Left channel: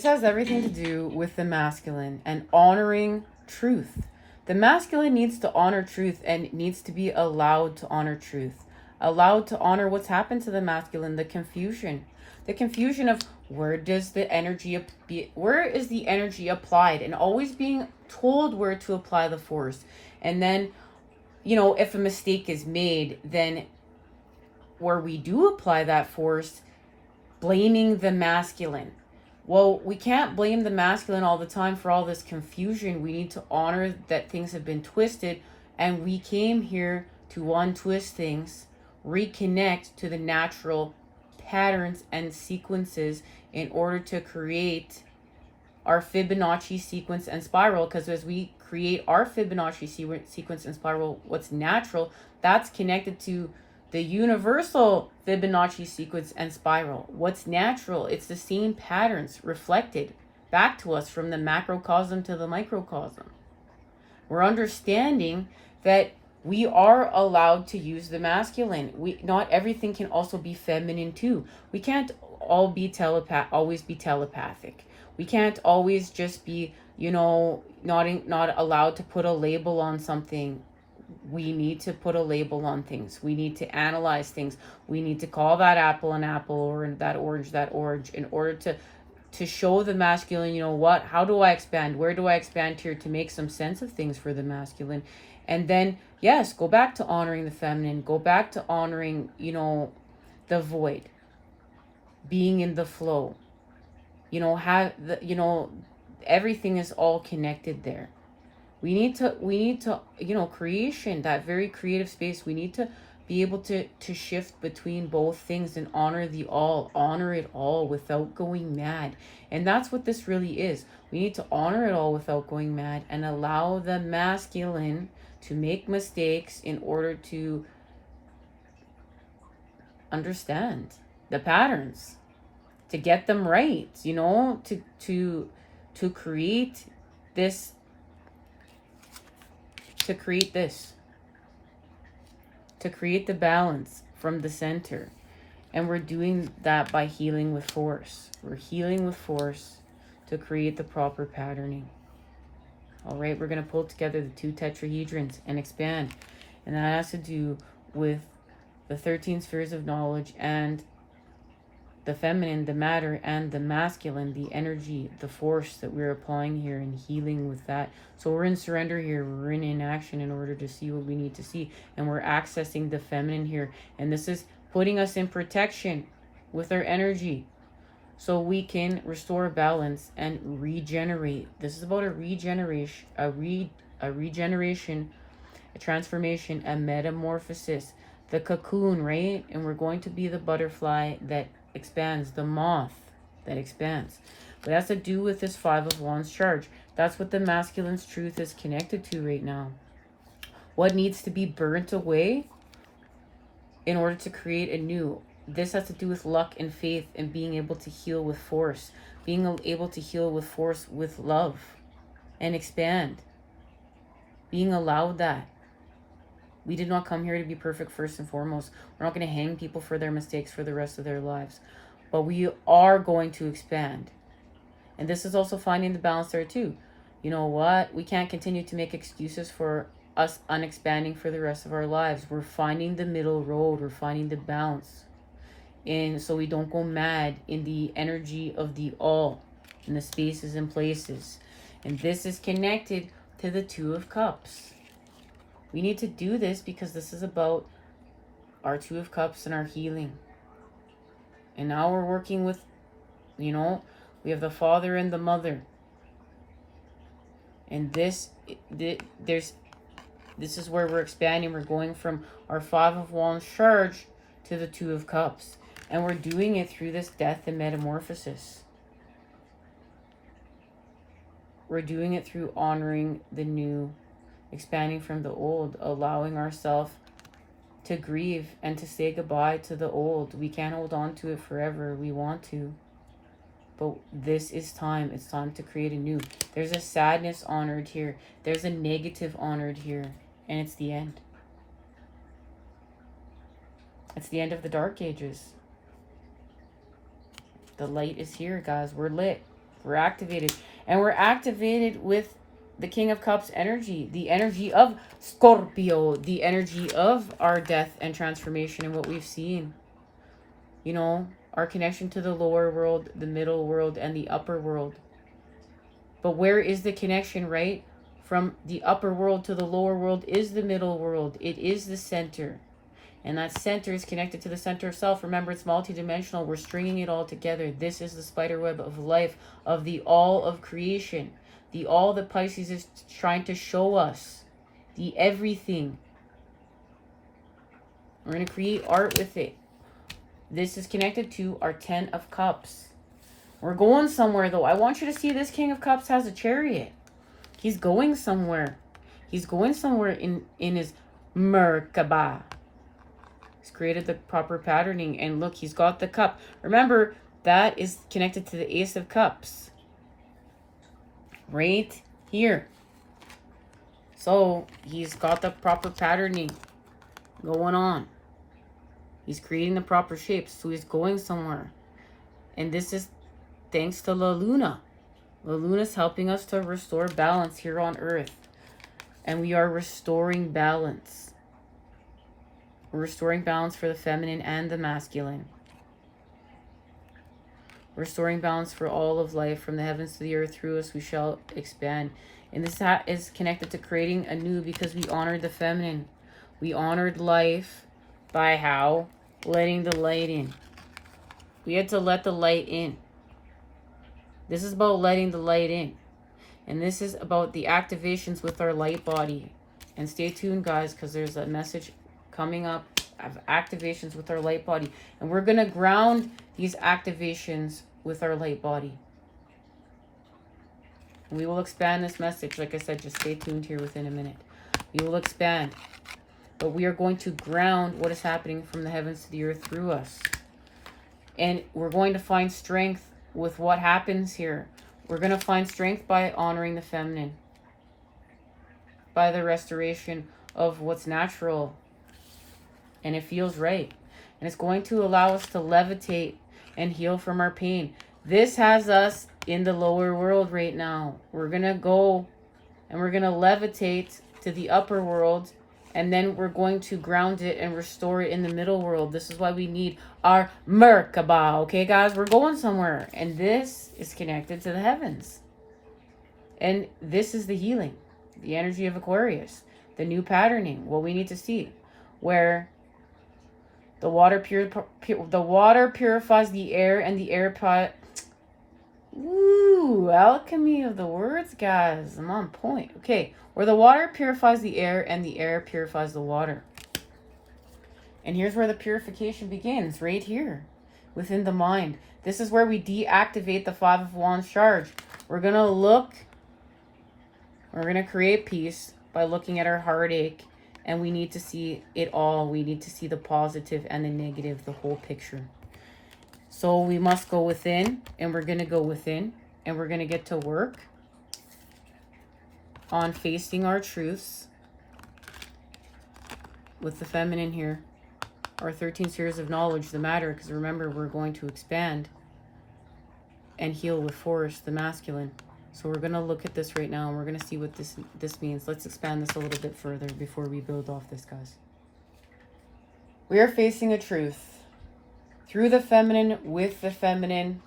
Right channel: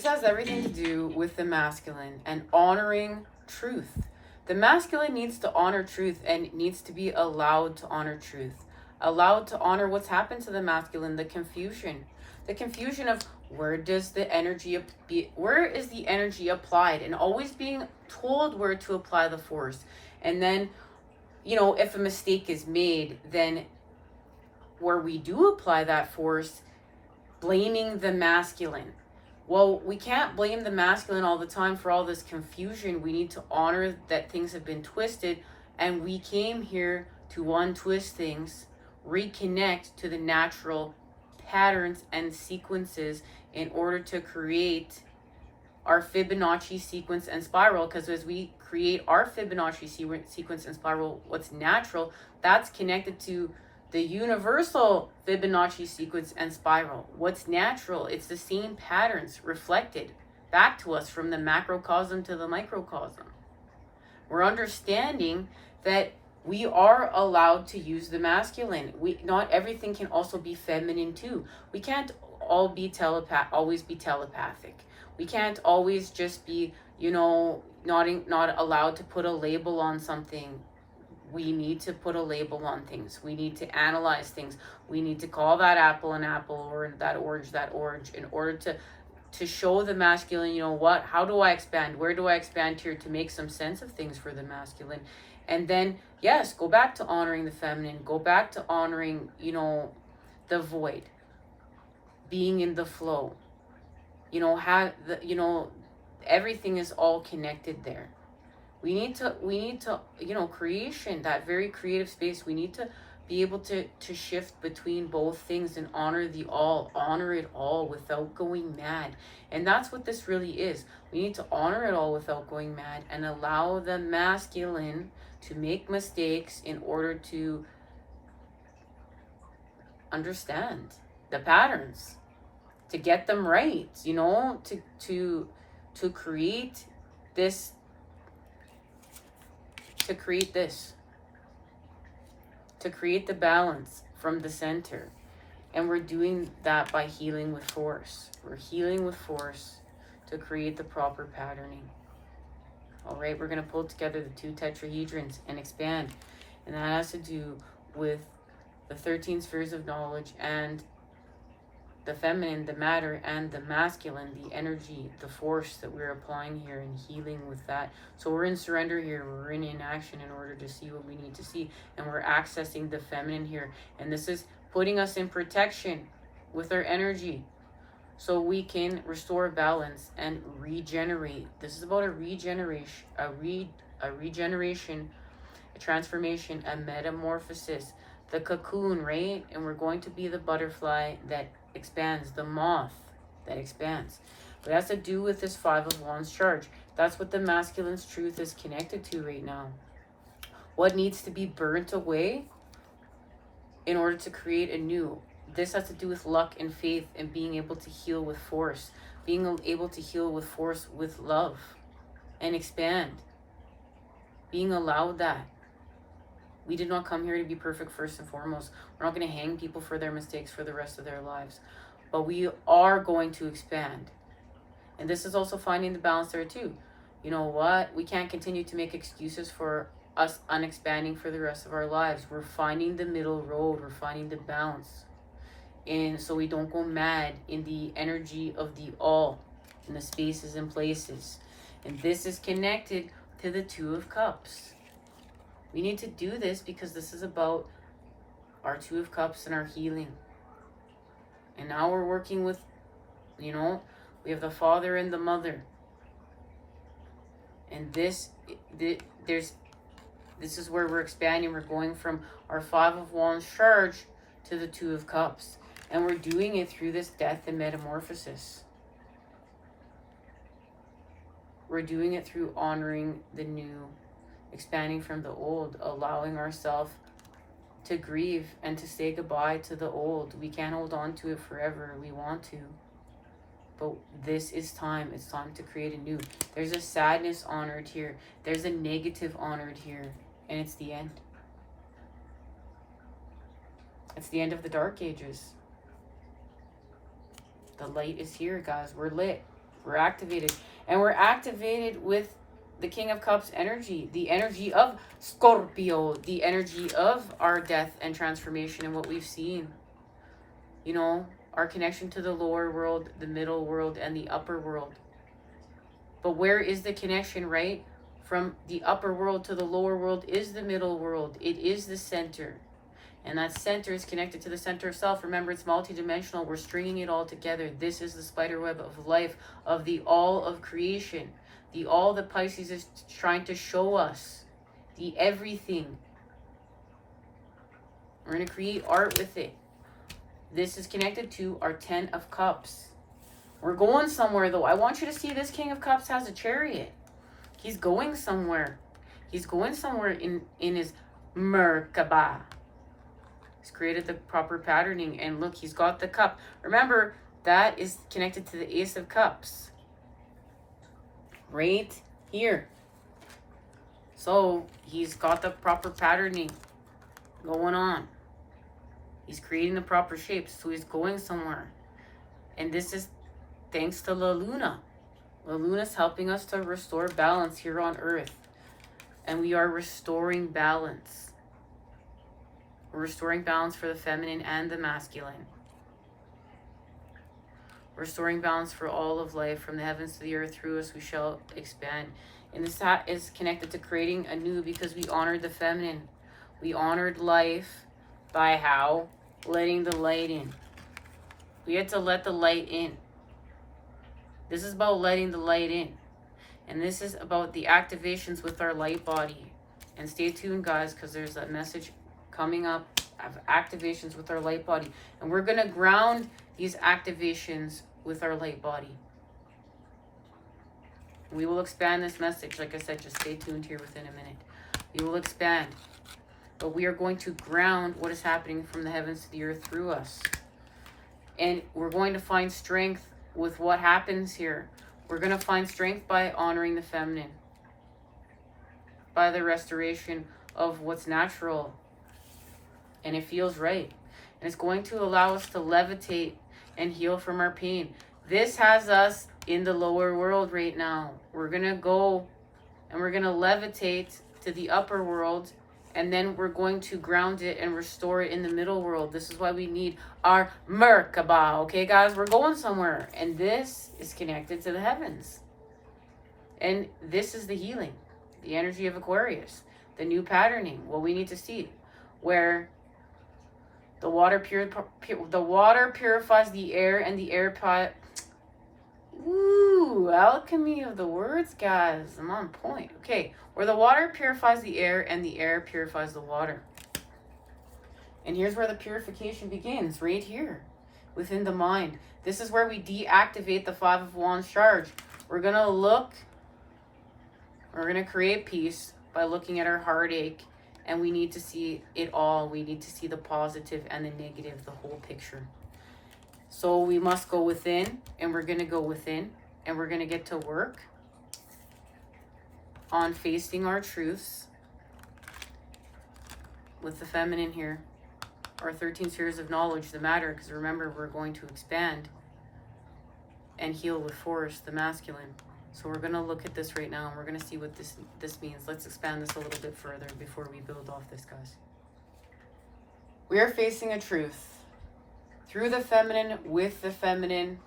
This has everything to do with the masculine and honoring truth. The masculine needs to honor truth and needs to be allowed to honor truth. Allowed to honor what's happened to the masculine, the confusion. The confusion of where does the energy be, where is the energy applied, and always being told where to apply the force. And then, if a mistake is made, then where we do apply that force, blaming the masculine. Well, we can't blame the masculine all the time for all this confusion. We need to honor that things have been twisted, and we came here to untwist things, reconnect to the natural patterns and sequences in order to create our Fibonacci sequence and spiral. Because as we create our Fibonacci sequence and spiral, what's natural, that's connected to the universal Fibonacci sequence and spiral. What's natural? It's the same patterns reflected back to us from the macrocosm to the microcosm. We're understanding that we are allowed to use the masculine. Not everything can also be feminine too. We can't all be always be telepathic. We can't always just be, not allowed to put a label on something. We need to put a label on things. We need to analyze things. We need to call that apple an apple, or that orange, in order to show the masculine, how do I expand? Where do I expand here to make some sense of things for the masculine? And then, yes, go back to honoring the feminine. Go back to honoring, the void. Being in the flow. Everything is all connected there. We need to, creation, that very creative space. We need to be able to shift between both things and honor honor it all without going mad. And that's what this really is. We need to honor it all without going mad and allow the masculine to make mistakes in order to understand the patterns, to get them right, to create this, to create the balance from the center. And we're doing that by healing with force. We're healing with force to create the proper patterning. All right, we're going to pull together the 2 tetrahedrons and expand. And that has to do with the 13 spheres of knowledge and the feminine, the matter, and the masculine, the energy, the force that we're applying here and healing with that. So we're in surrender here. We're in inaction in order to see what we need to see. And we're accessing the feminine here. And this is putting us in protection with our energy so we can restore balance and regenerate. This is about a regeneration, a transformation, a metamorphosis. The cocoon, right? And we're going to be the butterfly that expands, the moth that expands. But it has to do with this 5 of Wands charge. That's what the masculine's truth is connected to right now. What needs to be burnt away in order to create a new. This has to do with luck and faith and being able to heal with force. Being able to heal with force, with love, and expand. Being allowed that. We did not come here to be perfect first and foremost. We're not going to hang people for their mistakes for the rest of their lives. But we are going to expand. And this is also finding the balance there too. You know what? We can't continue to make excuses for us unexpanding for the rest of our lives. We're finding the middle road. We're finding the balance. And so we don't go mad in the energy of the all, in the spaces and places. And this is connected to the 2 of Cups. We need to do this because this is about our 2 of Cups and our healing. And now we're working with, we have the father and the mother. And this is where we're expanding. We're going from our 5 of Wands charge to the 2 of Cups. And we're doing it through this death and metamorphosis. We're doing it through honoring the new, expanding from the old, allowing ourselves to grieve and to say goodbye to the old. We can't hold on to it forever. We want to. But this is time. It's time to create a new. There's a sadness honored here. There's a negative honored here. And it's the end. It's the end of the dark ages. The light is here, guys. We're lit. We're activated. And we're activated with the King of Cups energy, the energy of Scorpio, the energy of our death and transformation and what we've seen. You know, our connection to the lower world, the middle world, and the upper world. But where is the connection, right? From the upper world to the lower world is the middle world. It is the center. And that center is connected to the center of self. Remember, it's multidimensional. We're stringing it all together. This is the spider web of life, of the all of creation. The all that Pisces is trying to show us. The everything. We're going to create art with it. This is connected to our 10 of Cups. We're going somewhere, though. I want you to see this King of Cups has a chariot. He's going somewhere. He's going somewhere in his Merkaba. He's created the proper patterning. And look, he's got the cup. Remember, that is connected to the Ace of Cups. Right here. So, he's got the proper patterning going on. He's creating the proper shapes. So, he's going somewhere. And this is thanks to La Luna. La Luna is helping us to restore balance here on Earth. And we are restoring balance. We're restoring balance for the feminine and the masculine. Restoring balance for all of life. From the heavens to the earth, through us we shall expand. And this hat is connected to creating anew because we honored the feminine. We honored life by how? Letting the light in. We had to let the light in. This is about letting the light in. And this is about the activations with our light body. And stay tuned, guys, because there's a message coming up of activations with our light body. And we're going to ground these activations with our light body. We will expand this message. Like I said, just stay tuned here within a minute. We will expand. But we are going to ground what is happening from the heavens to the earth through us. And we're going to find strength with what happens here. We're going to find strength by honoring the feminine. By the restoration of what's natural. And it feels right. And it's going to allow us to levitate and heal from our pain. This has us in the lower world right now. We're going to go and we're going to levitate to the upper world. And then we're going to ground it and restore it in the middle world. This is why we need our Merkaba. Okay, guys? We're going somewhere. And this is connected to the heavens. And this is the healing. The energy of Aquarius. The new patterning. What we need to see. Where the water purifies the air and the air Woo! Alchemy of the words, guys. I'm on point. Okay. Where the water purifies the air and the air purifies the water. And here's where the purification begins. Right here. Within the mind. This is where we deactivate the Five of Wands charge. We're going to look. We're going to create peace by looking at our heartache. And we need to see it all. We need to see the positive and the negative. The whole picture. So we must go within. And we're going to go within. And we're going to get to work on facing our truths with the feminine here. Our 13 spheres of knowledge, the matter, because remember, we're going to expand and heal with force, the masculine. So we're going to look at this right now, and we're going to see what this means. Let's expand this a little bit further before we build off this, guys. We are facing a truth through the feminine, with the feminine.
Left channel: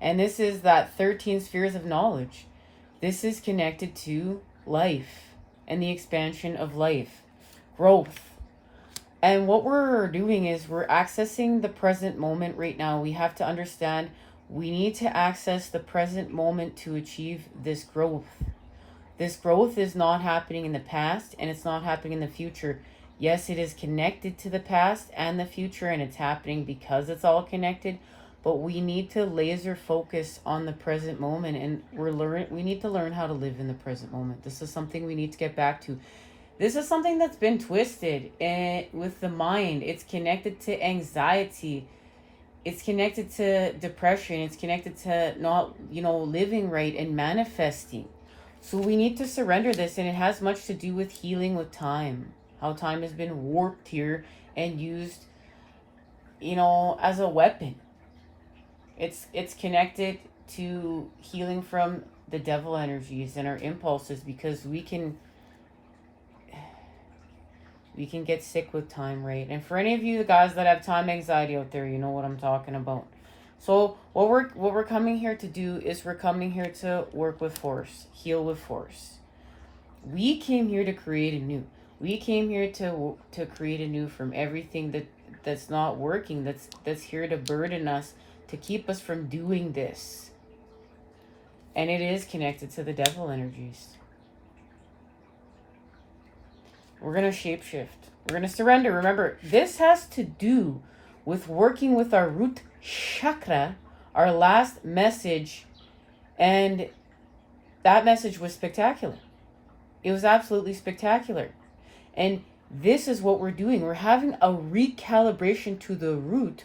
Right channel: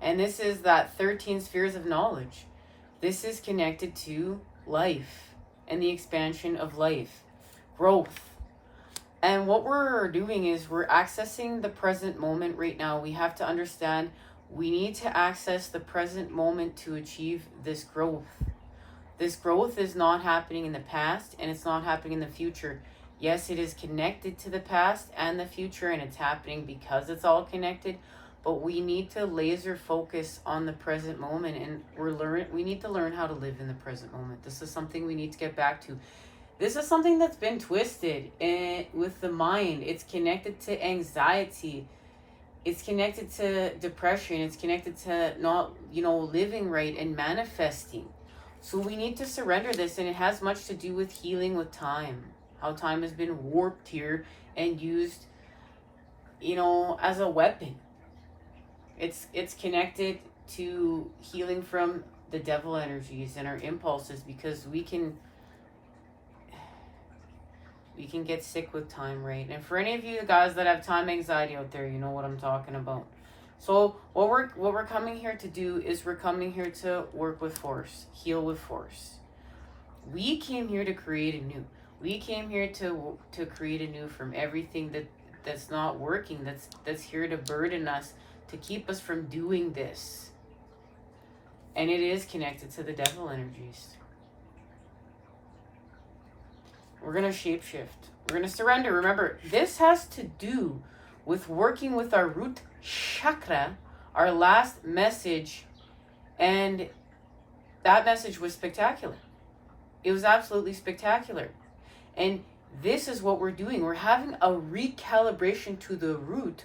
And this is that 13 spheres of knowledge. This is connected to life and the expansion of life, growth. And what we're doing is we're accessing the present moment right now. We have to understand we need to access the present moment to achieve this growth. This growth is not happening in the past and it's not happening in the future. Yes, it is connected to the past and the future, and it's happening because it's all connected. But we need to laser focus on the present moment, and we need to learn how to live in the present moment. This is something we need to get back to. This is something that's been twisted with the mind. It's connected to anxiety. It's connected to depression. It's connected to not, living right and manifesting. So we need to surrender this, and it has much to do with healing with time. How time has been warped here and used, as a weapon. It's connected to healing from the devil energies and our impulses, because we can get sick with time, right? And for any of you, the guys that have time anxiety out there, you know what I'm talking about. So what we're coming here to do is we're coming here to work with force, heal with force. We came here to create anew. We came here to create anew from everything that's not working, that's here to burden us, to keep us from doing this. And it is connected to the devil energies. We're going to shapeshift. We're going to surrender. Remember, this has to do with working with our root chakra, our last message. And that message was spectacular. It was absolutely spectacular. And this is what we're doing. We're having a recalibration to the root,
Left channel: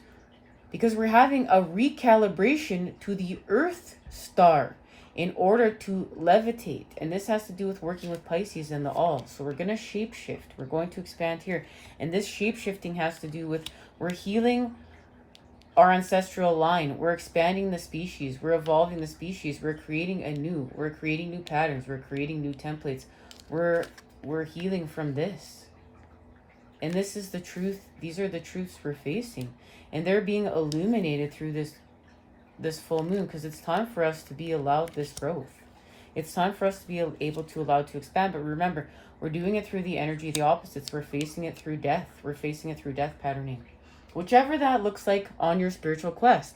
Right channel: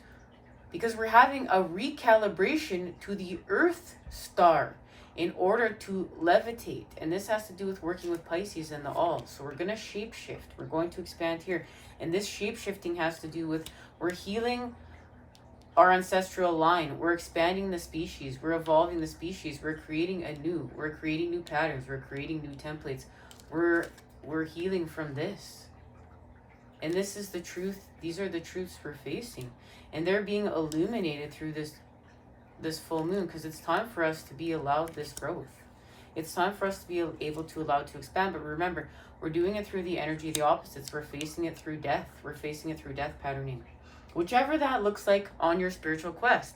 because we're having a recalibration to the Earth star in order to levitate. And this has to do with working with Pisces and the all. So we're going to shapeshift. We're going to expand here. And this shapeshifting has to do with, we're healing our ancestral line. We're expanding the species. We're evolving the species. We're creating anew. We're creating new patterns. We're creating new templates. We're healing from this. And this is the truth. These are the truths we're facing. And they're being illuminated through this full moon, because it's time for us to be allowed this growth. It's time for us to be able to allow it to expand. But remember, we're doing it through the energy of the opposites. We're facing it through death. We're facing it through death patterning. Whichever that looks like on your spiritual quest.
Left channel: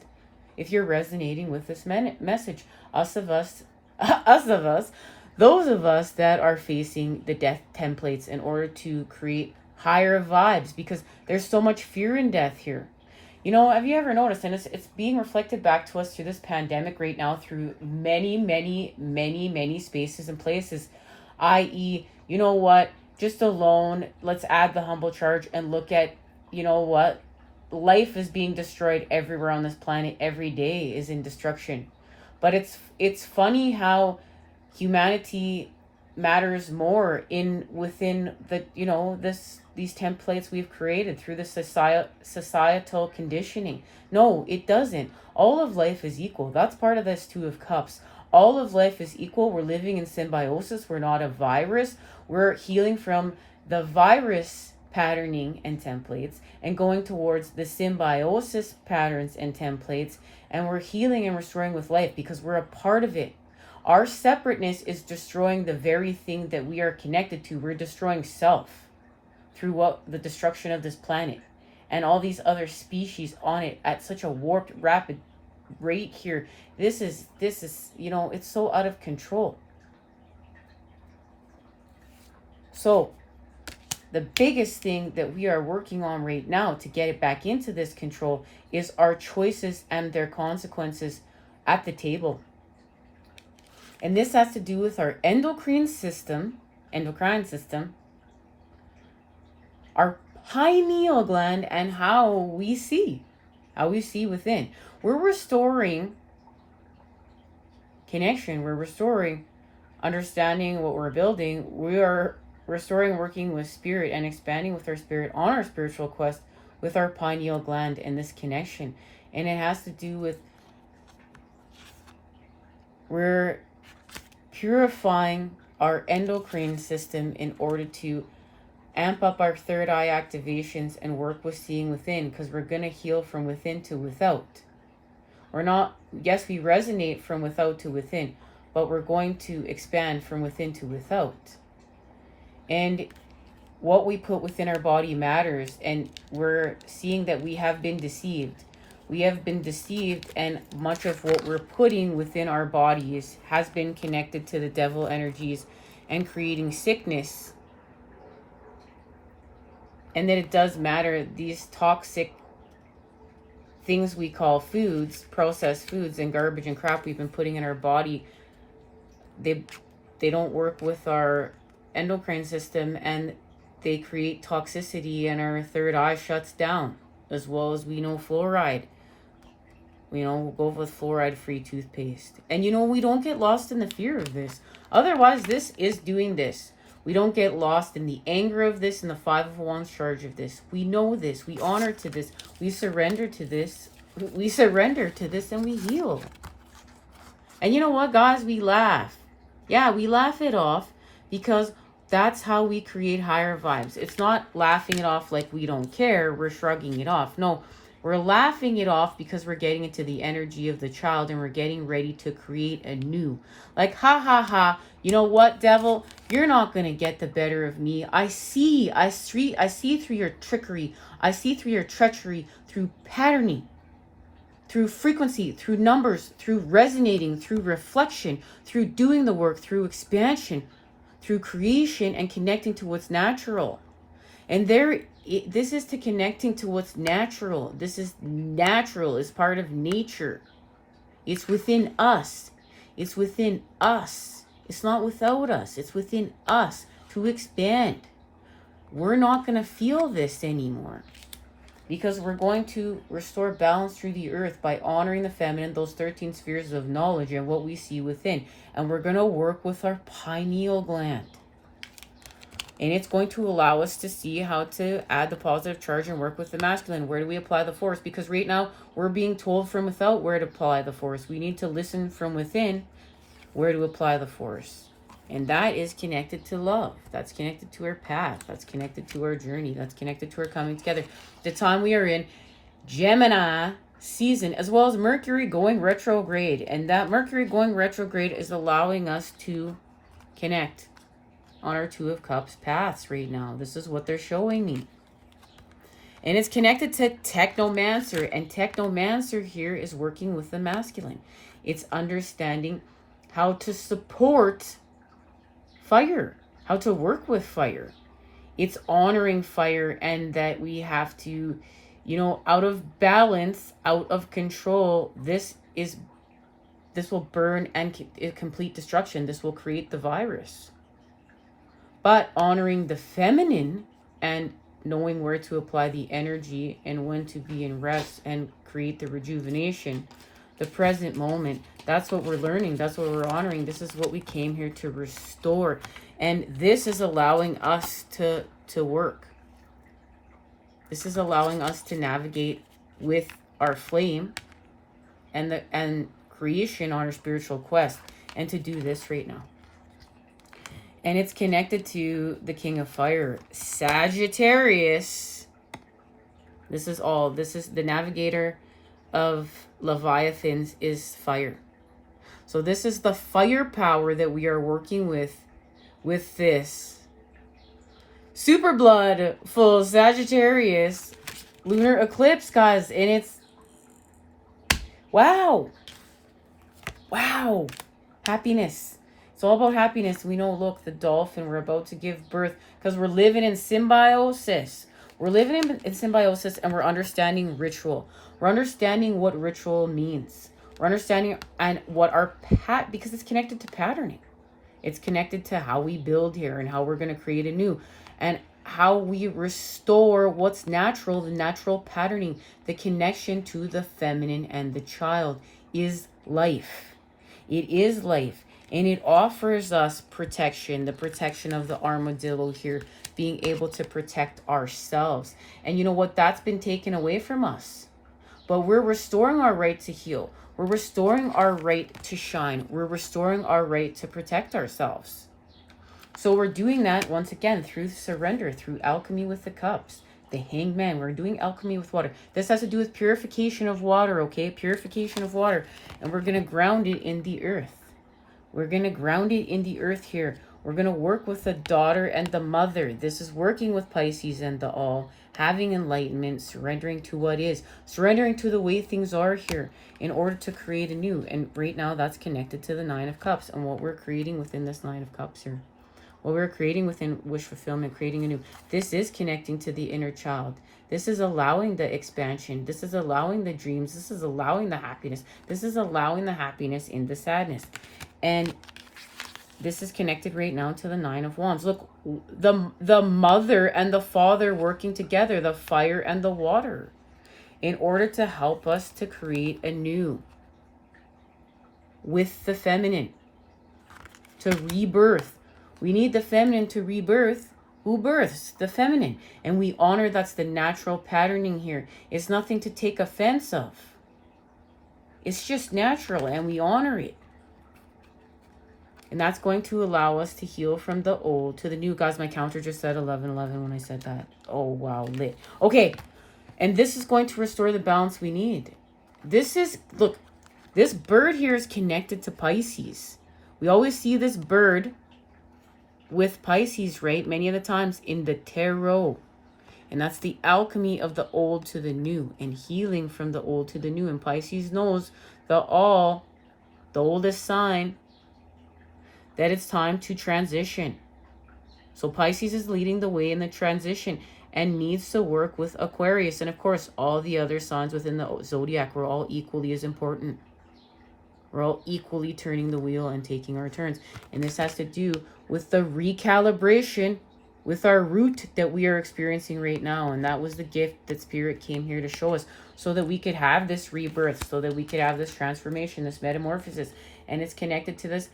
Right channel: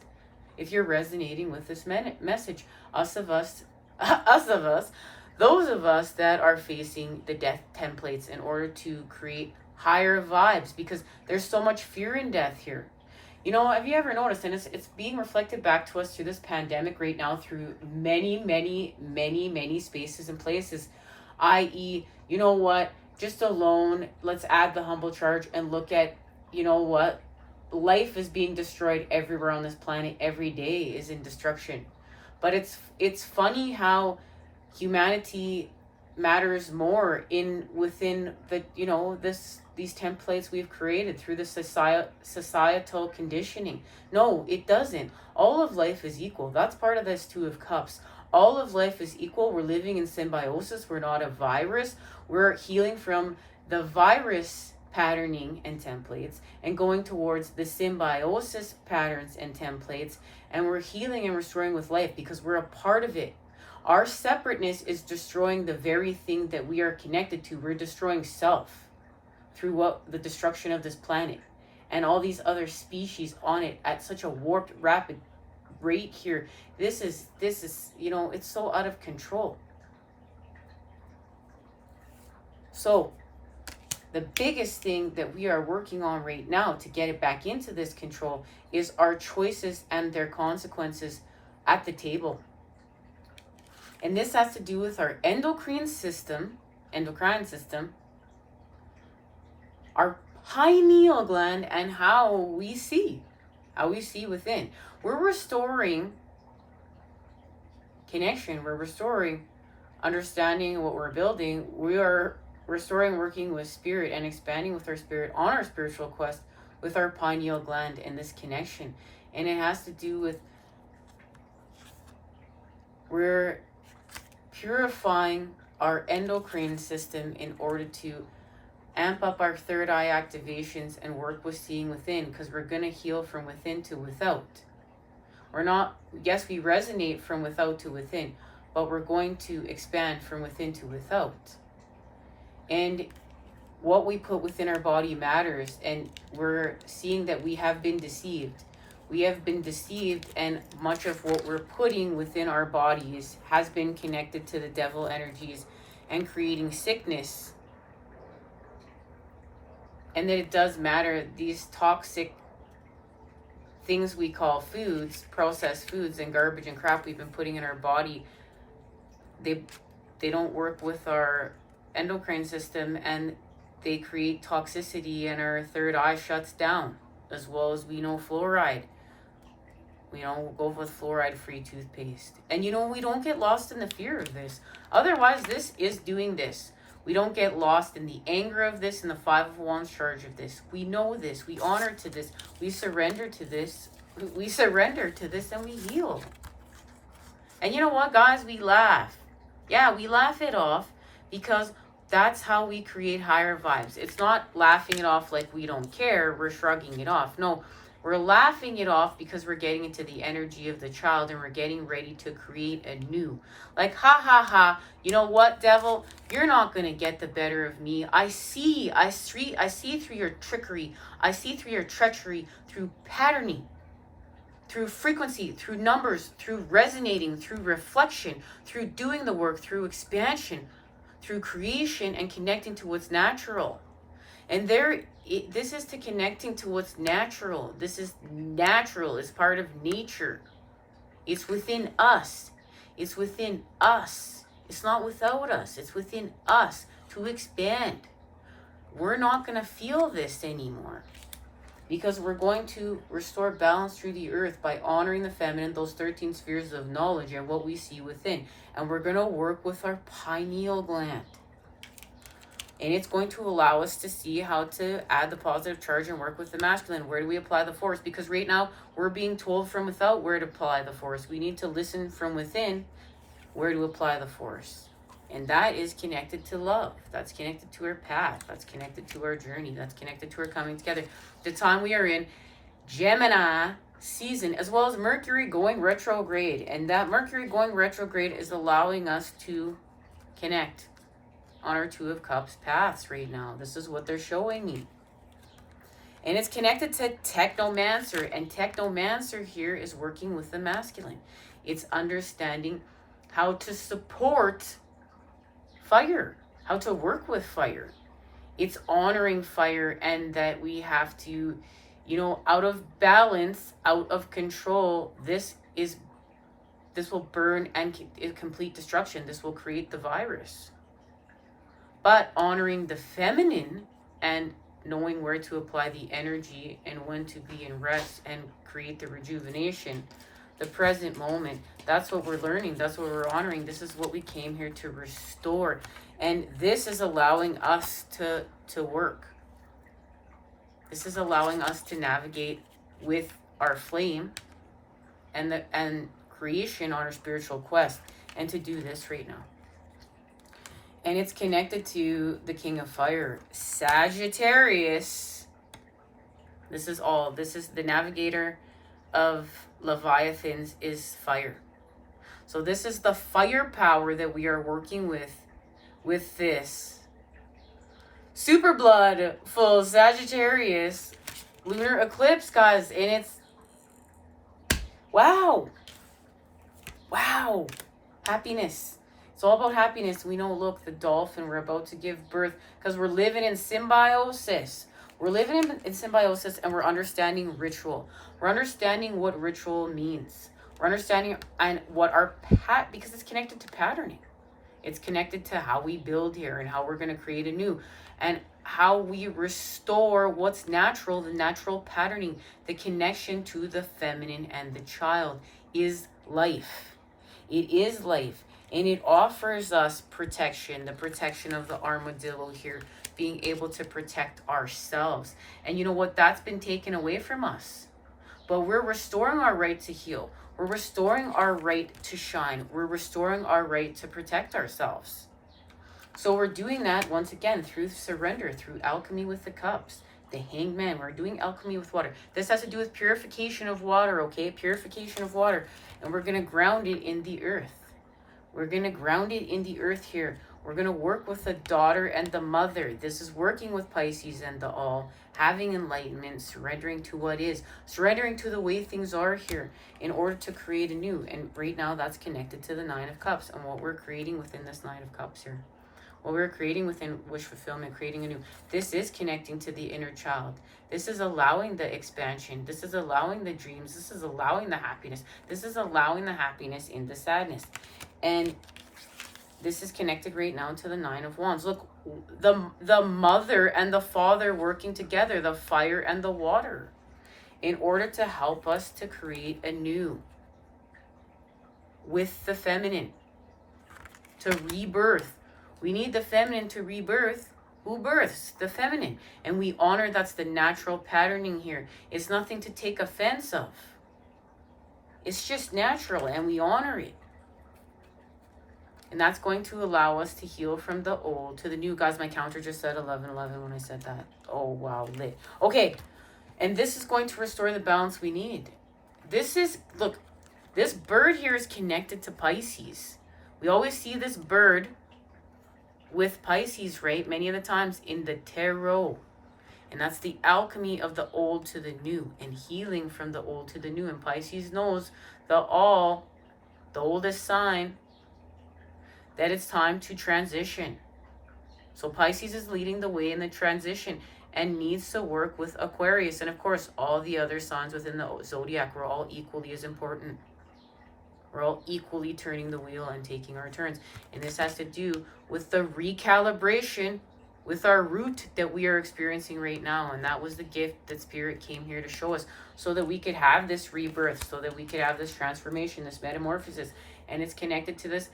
If you're resonating with this message, those of us that are facing the death templates in order to create higher vibes, because there's so much fear in death here. You know, have you ever noticed, and it's being reflected back to us through this pandemic right now, through many spaces and places, i.e., you know what, just alone, let's add the humble charge and look at, you know what, life is being destroyed everywhere on this planet. Every day is in destruction. But it's funny how humanity matters more within the, you know, these templates we've created through the societal conditioning. No, it doesn't. All of life is equal. That's part of this Two of Cups. All of life is equal. We're living in symbiosis. We're not a virus. We're healing from the virus patterning and templates and going towards the symbiosis patterns and templates, and we're healing and restoring with life because we're a part of it. Our separateness is destroying the very thing that we are connected to. We're destroying self through the destruction of this planet and all these other species on it at such a warped, rapid rate here. This is, you know, it's so out of control. So the biggest thing that we are working on right now to get it back into this control is our choices and their consequences at the table. And this has to do with our endocrine system, our pineal gland, and how we see within. We're restoring connection. We're restoring understanding what we're building. We are restoring working with spirit and expanding with our spirit on our spiritual quest with our pineal gland and this connection. And it has to do with we're purifying our endocrine system in order to amp up our third eye activations and work with seeing within, because we're going to heal from within to without. We're not, yes, we resonate from without to within, but we're going to expand from within to without. And what we put within our body matters, and we're seeing that we have been deceived. We have been deceived, and much of what we're putting within our bodies has been connected to the devil energies and creating sickness. And then it does matter, these toxic things we call foods, processed foods and garbage and crap we've been putting in our body, they don't work with our endocrine system, and they create toxicity, and our third eye shuts down. As well as we know fluoride. We know, go with fluoride-free toothpaste. And you know, we don't get lost in the fear of this. Otherwise, this is doing this. We don't get lost in the anger of this and the Five of Wands charge of this. We know this. We honor to this. We surrender to this. We surrender to this and we heal. And you know what, guys? We laugh. Yeah, we laugh it off because that's how we create higher vibes. It's not laughing it off like we don't care, we're shrugging it off. No, we're laughing it off because we're getting into the energy of the child and we're getting ready to create a new. Like, ha ha ha, you know what, devil? You're not going to get the better of me. I see through your trickery. I see through your treachery, through patterning, through frequency, through numbers, through resonating, through reflection, through doing the work, through expansion, through creation and connecting to what's natural. And this is to connecting to what's natural. This is natural. It's part of nature. It's within us. It's within us. It's not without us. It's within us to expand. We're not going to feel this anymore because we're going to restore balance through the earth by honoring the feminine, those 13 spheres of knowledge and what we see within. And we're going to work with our pineal gland. And it's going to allow us to see how to add the positive charge and work with the masculine. Where do we apply the force? Because right now we're being told from without where to apply the force. We need to listen from within where to apply the force. And that is connected to love. That's connected to our path. That's connected to our journey. That's connected to our coming together. The time we are in Gemini season, as well as Mercury going retrograde. And that Mercury going retrograde is allowing us to connect on our Two of Cups paths right now. This is what they're showing me. And it's connected to Technomancer. And Technomancer here is working with the masculine. It's understanding how to support fire, how to work with fire. It's honoring fire, and that we have to, out of balance, out of control, this will burn and complete destruction. This will create the virus. But honoring the feminine and knowing where to apply the energy and when to be in rest and create the rejuvenation, the present moment, that's what we're learning. That's what we're honoring. This is what we came here to restore. And this is allowing us to work. This is allowing us to navigate with our flame and creation on our spiritual quest, and to do this right now. And it's connected to the King of Fire, Sagittarius. This is the navigator of Leviathans is fire. So this is the firepower that we are working with this super blood full Sagittarius lunar eclipse, guys. And it's wow, happiness. It's all about happiness. We know, look, the dolphin, we're about to give birth because we're living in symbiosis. We're living in symbiosis, and we're understanding ritual. We're understanding what ritual means. We're understanding and what because it's connected to patterning. It's connected to how we build here and how we're going to create a new, and how we restore what's natural, the natural patterning. The connection to the feminine and the child is life. It is life. And it offers us protection, the protection of the armadillo here, being able to protect ourselves. And you know what? That's been taken away from us. But we're restoring our right to heal. We're restoring our right to shine. We're restoring our right to protect ourselves. So we're doing that once again through surrender, through alchemy with the cups. The Hanged Man, we're doing alchemy with water. This has to do with purification of water, okay? Purification of water. And we're going to ground it in the earth. We're going to ground it in the earth here. We're going to work with the daughter and the mother. This is working with Pisces and the all. Having enlightenment, surrendering to what is. Surrendering to the way things are here in order to create a new. And right now that's connected to the Nine of Cups and what we're creating within this Nine of Cups here. What we're creating within wish fulfillment, creating a new. This is connecting to the inner child. This is allowing the expansion. This is allowing the dreams. This is allowing the happiness. This is allowing the happiness in the sadness. And this is connected right now to the Nine of Wands. Look, the mother and the father working together, the fire and the water, in order to help us to create a new with the feminine, to rebirth. We need the feminine to rebirth. Who births? The feminine. And we honor that's the natural patterning here. It's nothing to take offense of. It's just natural, and we honor it. And that's going to allow us to heal from the old to the new. Guys, my counter just said 1111 when I said that. Oh, wow, lit. Okay, and this is going to restore the balance we need. This is, look, this bird here is connected to Pisces. We always see this bird with Pisces, right? Many of the times in the tarot. And that's the alchemy of the old to the new and healing from the old to the new. And Pisces knows the oldest sign, that it's time to transition. So Pisces is leading the way in the transition and needs to work with Aquarius. And of course, all the other signs within the zodiac were all equally as important. We're all equally turning the wheel and taking our turns. And this has to do with the recalibration with our root that we are experiencing right now. And that was the gift that Spirit came here to show us, so that we could have this rebirth, so that we could have this transformation, this metamorphosis. And it's connected to this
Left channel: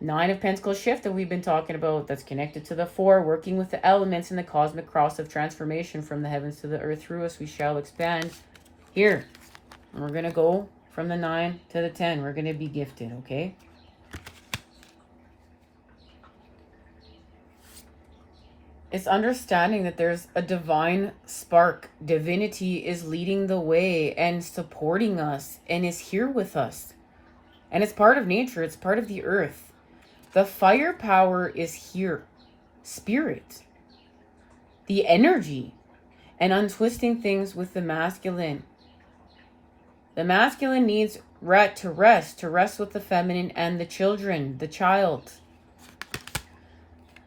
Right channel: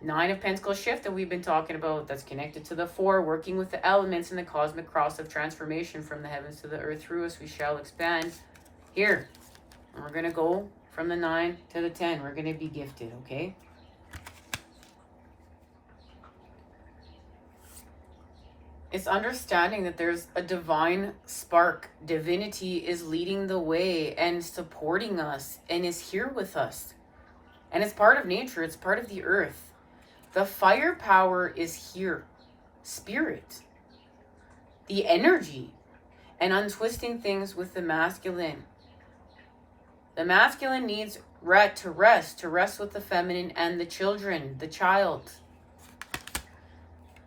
9 of Pentacles shift that we've been talking about, that's connected to the 4, working with the elements in the cosmic cross of transformation from the heavens to the earth. Through us we shall expand. Here, and we're going to go from the 9 to the 10. We're going to be gifted, okay? It's understanding that there's a divine spark. Divinity is leading the way and supporting us and is here with us. And it's part of nature. It's part of the earth. The fire power is here. Spirit. The energy. And untwisting things with the masculine. The masculine needs to rest with the feminine and the children, the child.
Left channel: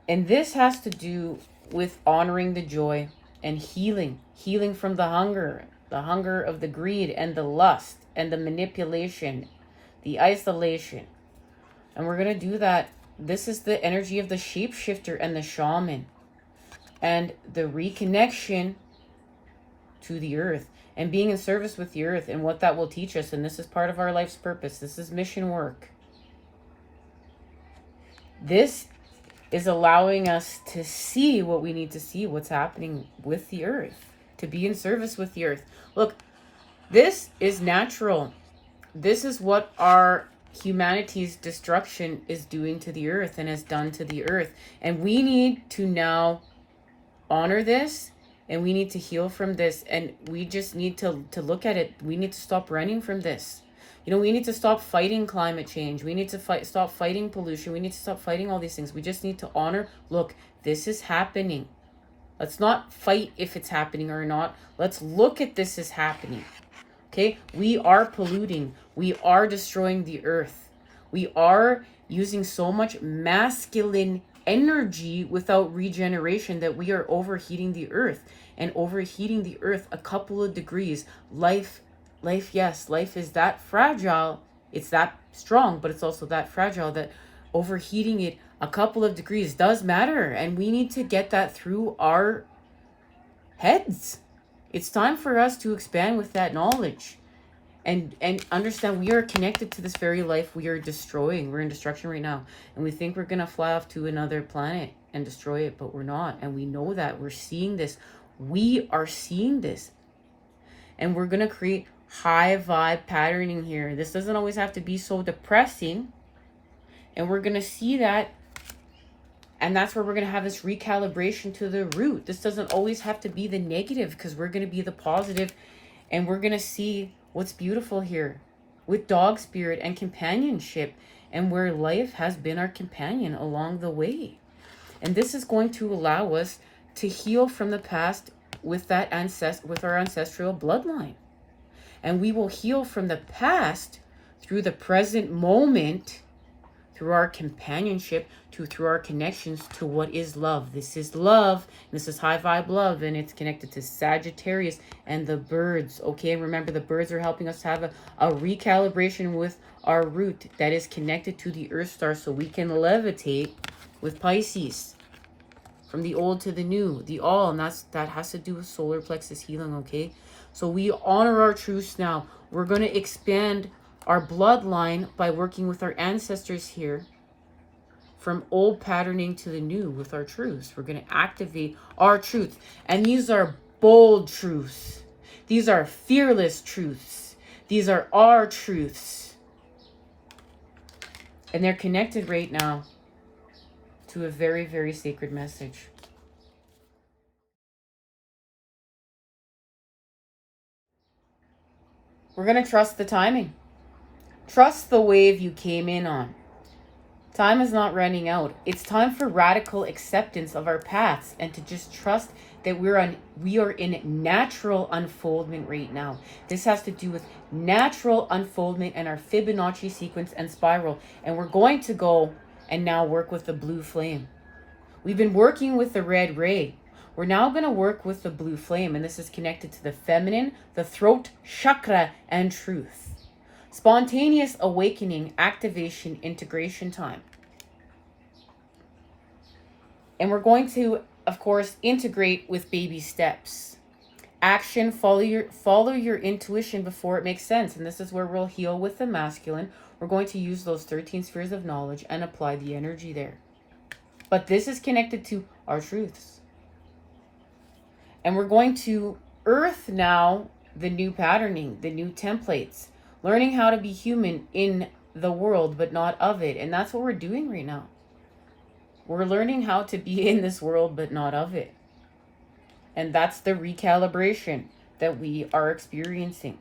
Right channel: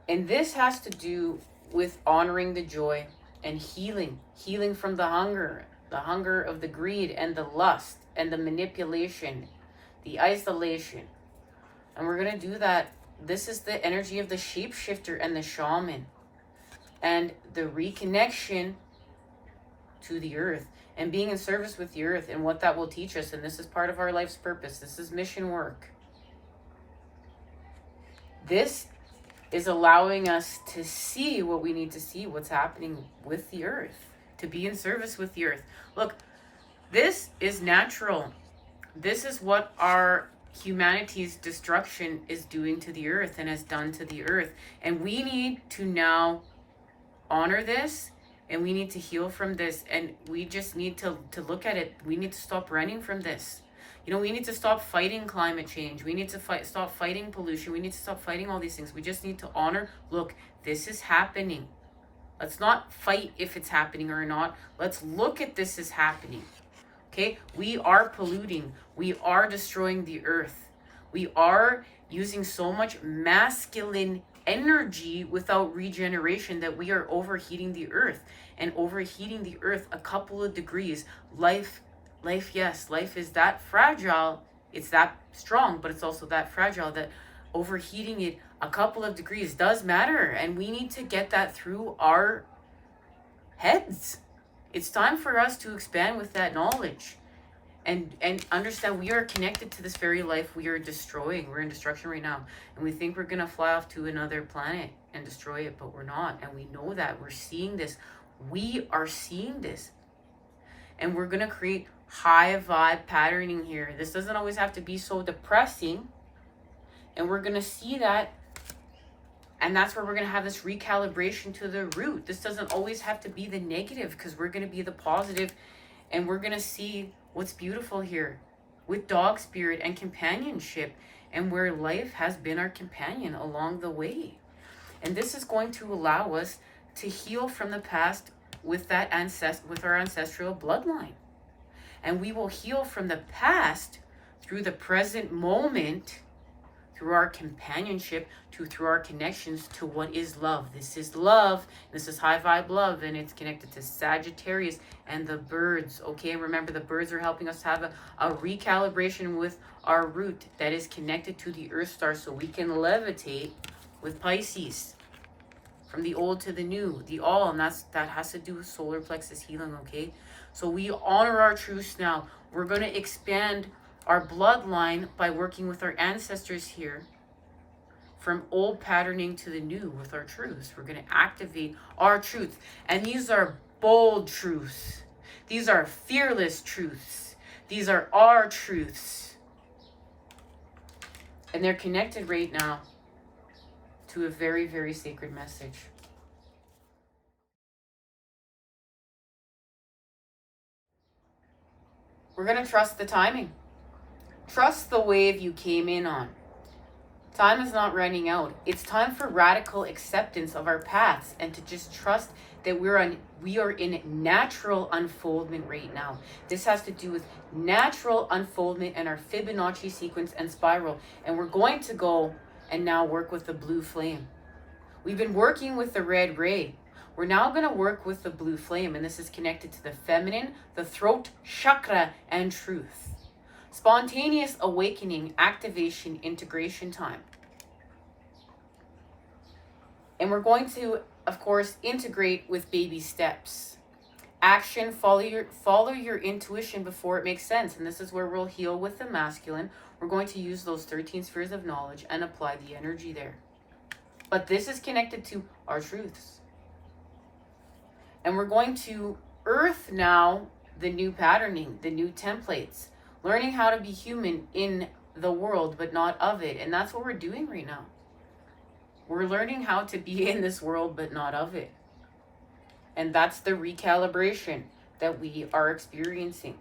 And this has to do with honoring the joy and healing from the hunger of the greed and the lust and the manipulation, the isolation. And we're going to do that. This is the energy of the shapeshifter and the shaman, and the reconnection to the earth and being in service with the earth and what that will teach us. And this is part of our life's purpose. This is mission work. This is allowing us to see what we need to see, what's happening with the earth, to be in service with the earth. Look, this is natural. This is what our humanity's destruction is doing to the earth and has done to the earth. And we need to now honor this, and we need to heal from this, and we just need to look at it. We need to stop running from this. You know, we need to stop fighting climate change. We need to stop fighting pollution. We need to stop fighting all these things. We just need to honor, look, this is happening. Let's not fight if it's happening or not. Let's look at this as happening. Okay? We are polluting. We are destroying the earth. We are using so much masculine energy without regeneration that we are overheating the earth. And overheating the earth a couple of degrees. Life, yes, life is that fragile. It's that strong, but it's also that fragile that overheating it a couple of degrees does matter. And we need to get that through our heads. It's time for us to expand with that knowledge and understand we are connected to this very life we are destroying. We're in destruction right now. And we think we're going to fly off to another planet and destroy it, but we're not. And we know that. We're seeing this. We are seeing this. And we're going to create high vibe patterning here. This doesn't always have to be so depressing. And we're going to see that. And that's where we're going to have this recalibration to the root. This doesn't always have to be the negative, because we're going to be the positive, and we're going to see what's beautiful here with dog spirit and companionship, and where life has been our companion along the way. And this is going to allow us to heal from the past with that with our ancestral bloodline. And we will heal from the past through the present moment, through our companionship, through our connections to what is love. This is love. This is high vibe love, and it's connected to Sagittarius and the birds. Okay, remember, the birds are helping us have a recalibration with our root that is connected to the Earth Star, so we can levitate with Pisces. From the old to the new, the all, and that has to do with solar plexus healing. Okay, so we honor our truths now. We're going to expand our bloodline by working with our ancestors here, from old patterning to the new with our truths. We're going to activate our truths, and these are bold truths. These are fearless truths. These are our truths. And they're connected right now to a very, very sacred message. We're going to trust the timing. Trust the wave you came in on. Time is not running out. It's time for radical acceptance of our paths and to just trust that we are in natural unfoldment right now. This has to do with natural unfoldment and our Fibonacci sequence and spiral. And we're going to go and now work with the blue flame. We've been working with the red ray. We're now going to work with the blue flame, and this is connected to the feminine, the throat chakra, and truth. Spontaneous awakening, activation, integration time. And we're going to, of course, integrate with baby steps. Action, follow your intuition before it makes sense. And this is where we'll heal with the masculine. We're going to use those 13 spheres of knowledge and apply the energy there. But this is connected to our truths. And we're going to earth now the new patterning, the new templates. Learning how to be human in the world, but not of it. And that's what we're doing right now. We're learning how to be in this world, but not of it. And that's the recalibration that we are experiencing.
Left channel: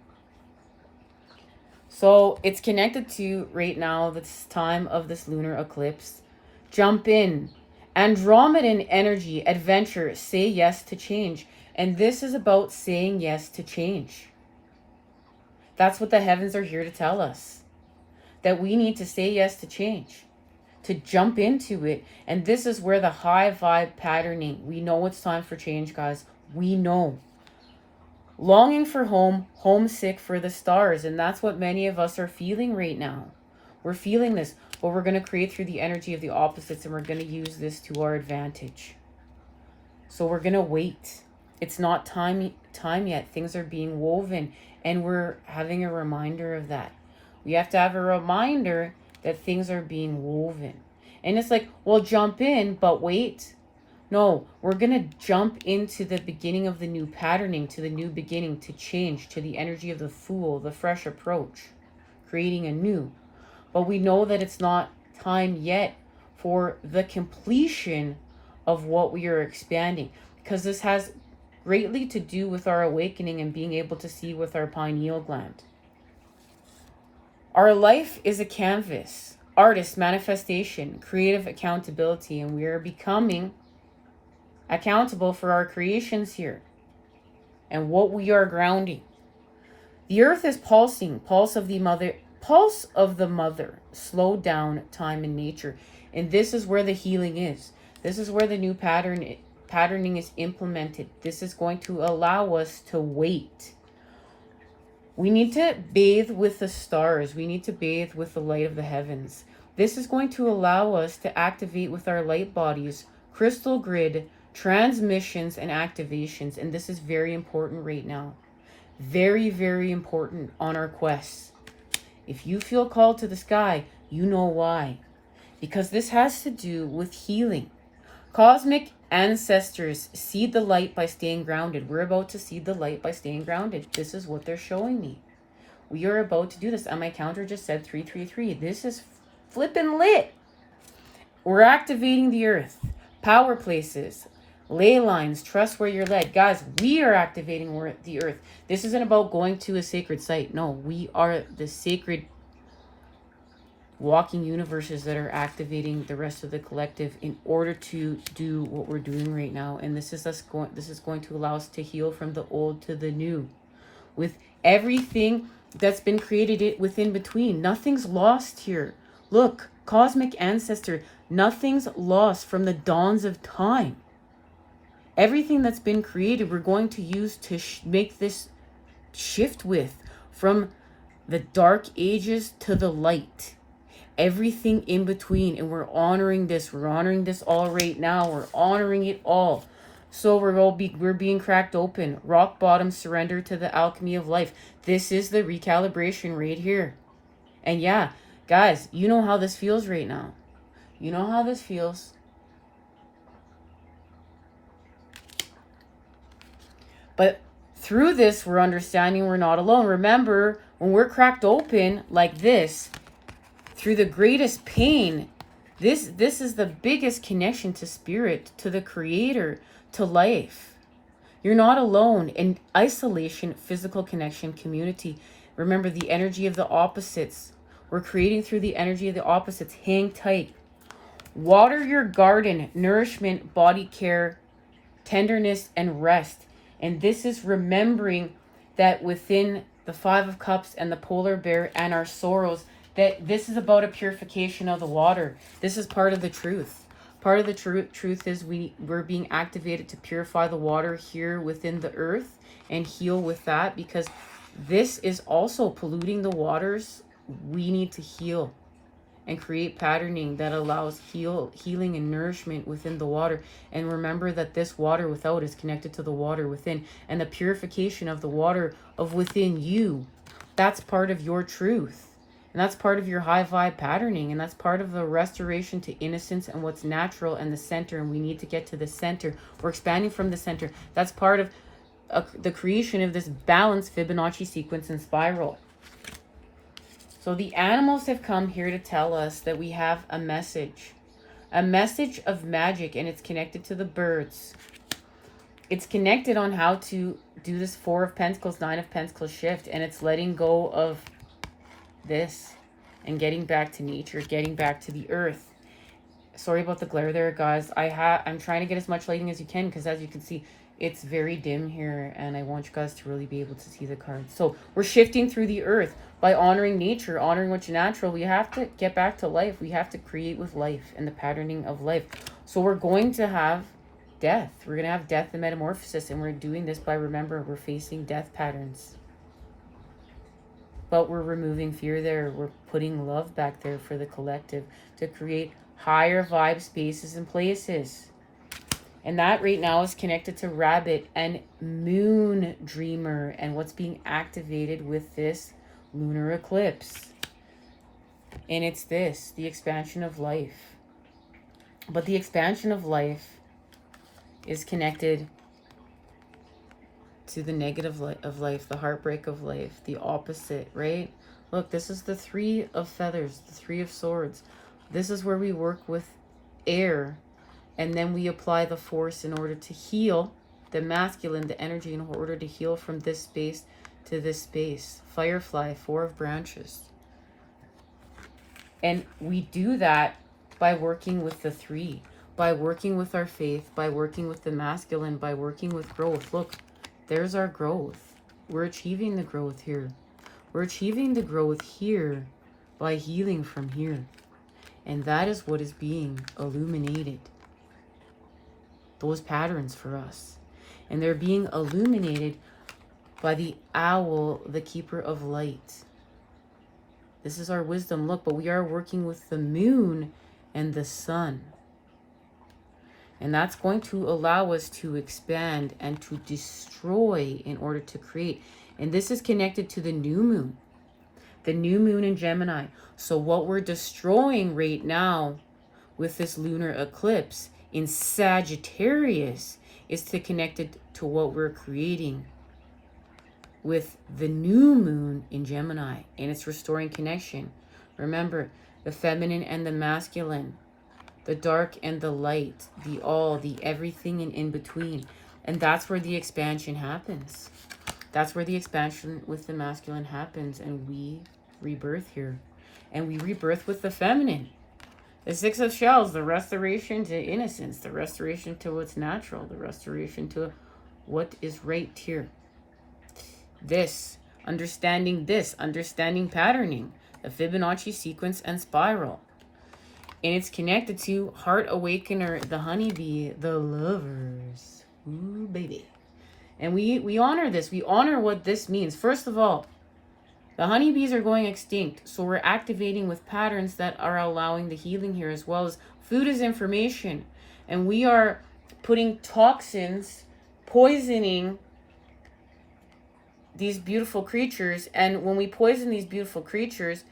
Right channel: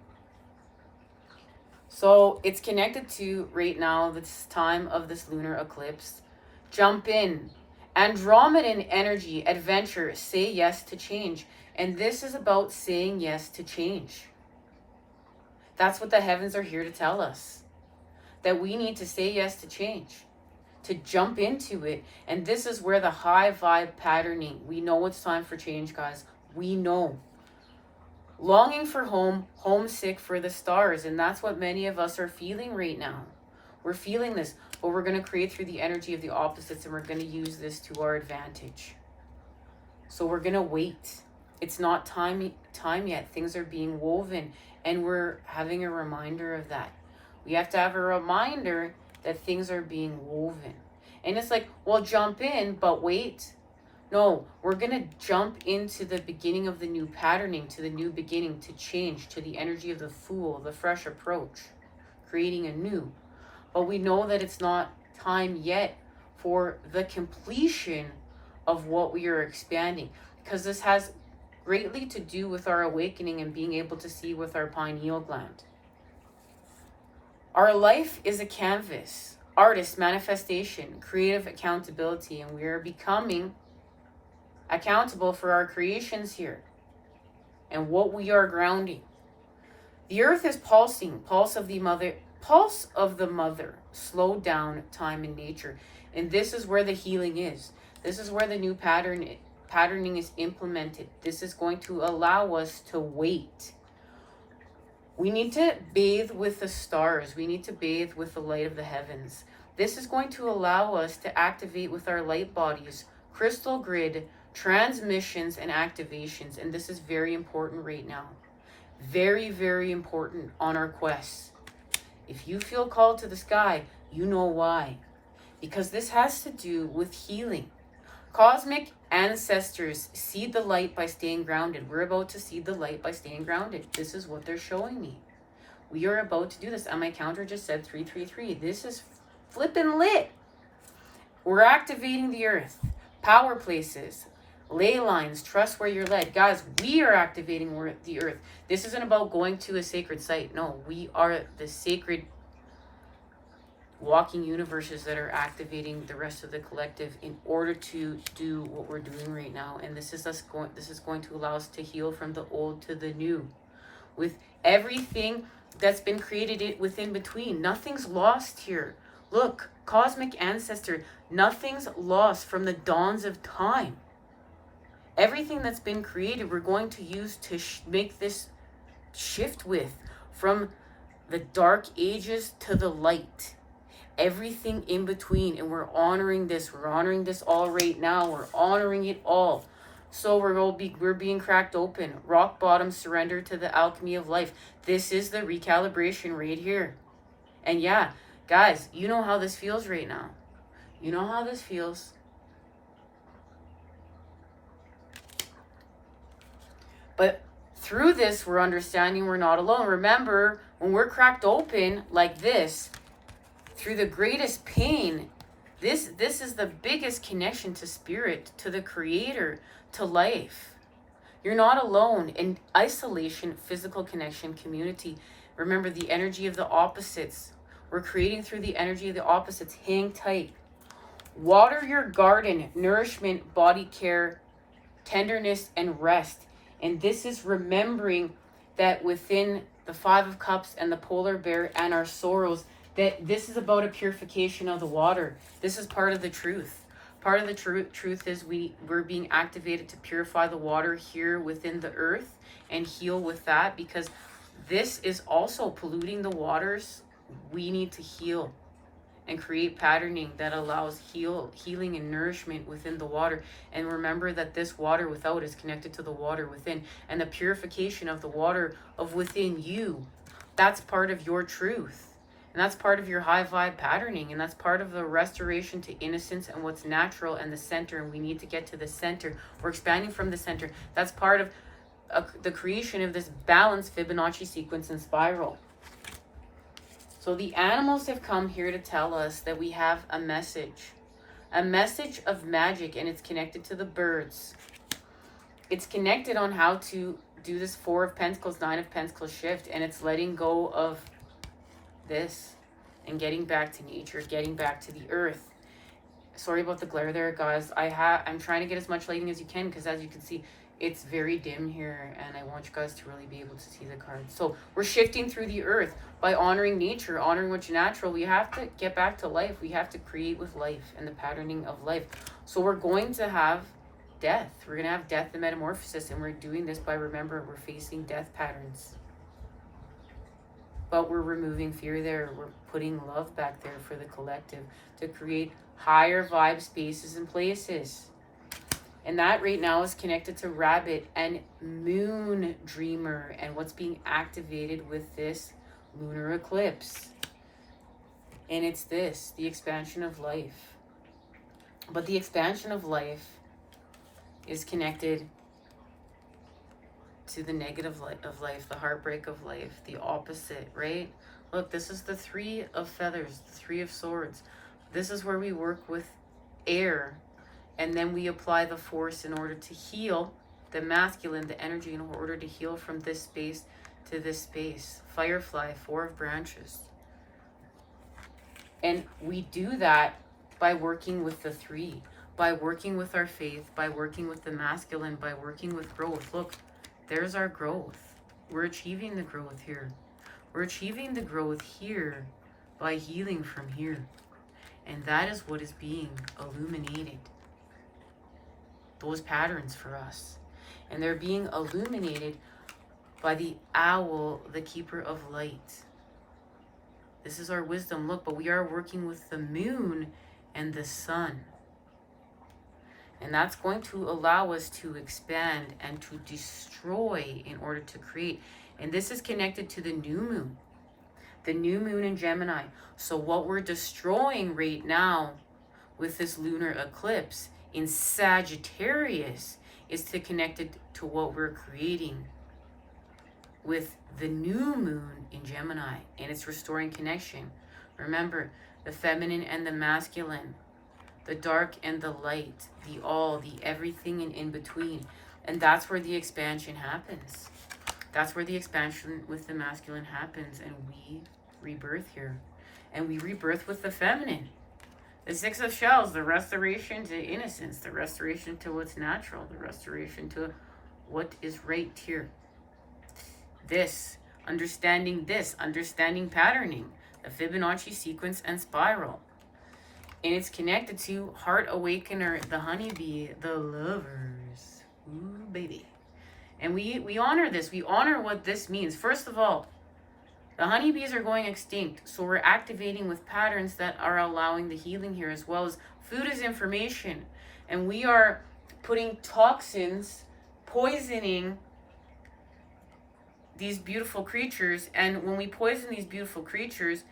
So it's connected to right now, this time of this lunar eclipse. Jump in. Andromedan energy, adventure, say yes to change. And this is about saying yes to change. That's what the heavens are here to tell us. That we need to say yes to change. To jump into it. And this is where the high vibe patterning. We know it's time for change, guys. We know. Longing for home, homesick for the stars. And that's what many of us are feeling right now. We're feeling this. But we're going to create through the energy of the opposites. And we're going to use this to our advantage. So we're going to wait. It's not time yet. Things are being woven. And we're having a reminder of that. We have to have a reminder that things are being woven. And it's like, well, jump in, but wait. No, we're going to jump into the beginning of the new patterning, to the new beginning, to change, to the energy of the Fool, the fresh approach, creating a new. But we know that it's not time yet for the completion of what we are expanding. Because this has greatly to do with our awakening and being able to see with our pineal gland. Our life is a canvas, artist, manifestation, creative accountability, and we are becoming accountable for our creations here and what we are grounding. The earth is pulsing, pulse of the mother, slow down time in nature. And this is where the healing is. This is where the new patterning is implemented. This is going to allow us to wait. We need to bathe with the stars. We need to bathe with the light of the heavens. This is going to allow us to activate with our light bodies, crystal grid, transmissions, and activations. And this is very important right now. Very, very important on our quests. If you feel called to the sky, you know why. Because this has to do with healing. Cosmic ancestors seed the light by staying grounded. We're about to seed the light by staying grounded. This is what they're showing me. We are about to do this. And my counter just said 333. This is flippin' lit. We're activating the earth. Power places. Ley lines. Trust where you're led. Guys, we are activating the earth. This isn't about going to a sacred site. No, we are the sacred walking universes that are activating the rest of the collective in order to do what we're doing right now. And this is going to allow us to heal from the old to the new, with everything that's been created within between. Nothing's lost here. Look, cosmic ancestor, nothing's lost from the dawns of time. Everything that's been created, we're going to use to make this shift with, from the dark ages to the light. Everything in between, and we're honoring this. We're honoring this all right now. We're honoring it all. So we're being cracked open. Rock bottom, surrender to the alchemy of life. This is the recalibration right here. And yeah, guys, you know how this feels right now. You know how this feels. But through this, we're understanding we're not alone. Remember, when we're cracked open like this, through the greatest pain. This is the biggest connection to spirit, to the creator, to life. You're not alone in isolation, physical connection, community. Remember the energy of the opposites. We're creating through the energy of the opposites. Hang tight. Water your garden, nourishment, body care, tenderness, and rest. And this is remembering that within the Five of Cups and the polar bear and our sorrows, that this is about a purification of the water. This is part of the truth. Part of the truth is we're being activated to purify the water here within the earth and heal with that, because this is also polluting the waters. We need to heal and create patterning that allows healing and nourishment within the water. And remember that this water without is connected to the water within, and the purification of the water of within you, that's part of your truth. And that's part of your high vibe patterning, and that's part of the restoration to innocence and what's natural and the center. And we need to get to the center. We're expanding from the center. That's part of the creation of this balanced Fibonacci sequence and spiral. So the animals have come here to tell us that we have a message of magic, and it's connected to the birds. It's connected on how to do this Four of Pentacles, Nine of Pentacles shift, and it's letting go of this and getting back to nature, getting back to the earth. Sorry about the glare there, guys. I'm trying to get as much lighting as you can, because as you can see, it's very dim here, and I want you guys to really be able to see the cards. So we're shifting through the earth by honoring nature, honoring what's natural. We have to get back to life. We have to create with life and the patterning of life. So we're going to have death. We're going to have death and metamorphosis, and we're doing this by, remember, we're facing death patterns. But we're removing fear there. We're putting love back there for the collective to create higher vibe spaces and places. And that right now is connected to Rabbit and Moon Dreamer and what's being activated with this lunar eclipse. And it's this, the expansion of life. But the expansion of life is connected to the negative of life, the heartbreak of life, the opposite, right? Look, this is the Three of Feathers, the Three of Swords. This is where we work with air, and then we apply the force in order to heal the masculine, the energy, in order to heal from this space to this space. Firefly, Four of Branches. And we do that by working with the three, by working with our faith, by working with the masculine, by working with growth. Look, there's our growth. We're achieving the growth here. We're achieving the growth here by healing from here. And that is what is being illuminated. Those patterns for us. And they're being illuminated by the owl, the keeper of light. This is our wisdom. Look, but we are working with the moon and the sun. And that's going to allow us to expand and to destroy in order to create. And this is connected to the new moon. The new moon in Gemini. So what we're destroying right now with this lunar eclipse in Sagittarius is connected to what we're creating with the new moon in Gemini. And it's restoring connection. Remember, the feminine and the masculine. The dark and the light. The all, the everything and in between. And that's where the expansion happens. That's where the expansion with the masculine happens. And we rebirth here. And we rebirth with the feminine. The Six of Shells, the restoration to innocence, the restoration to what's natural, the restoration to what is right here. Understanding patterning, the Fibonacci sequence and spiral. And it's connected to Heart Awakener, the honeybee, the lovers. Ooh, baby. And we honor this. We honor what this means. First of all, the honeybees are going extinct, so we're activating with patterns that are allowing the healing here, as well as food is information. And we are putting toxins, poisoning these beautiful creatures. And when we poison these beautiful creatures,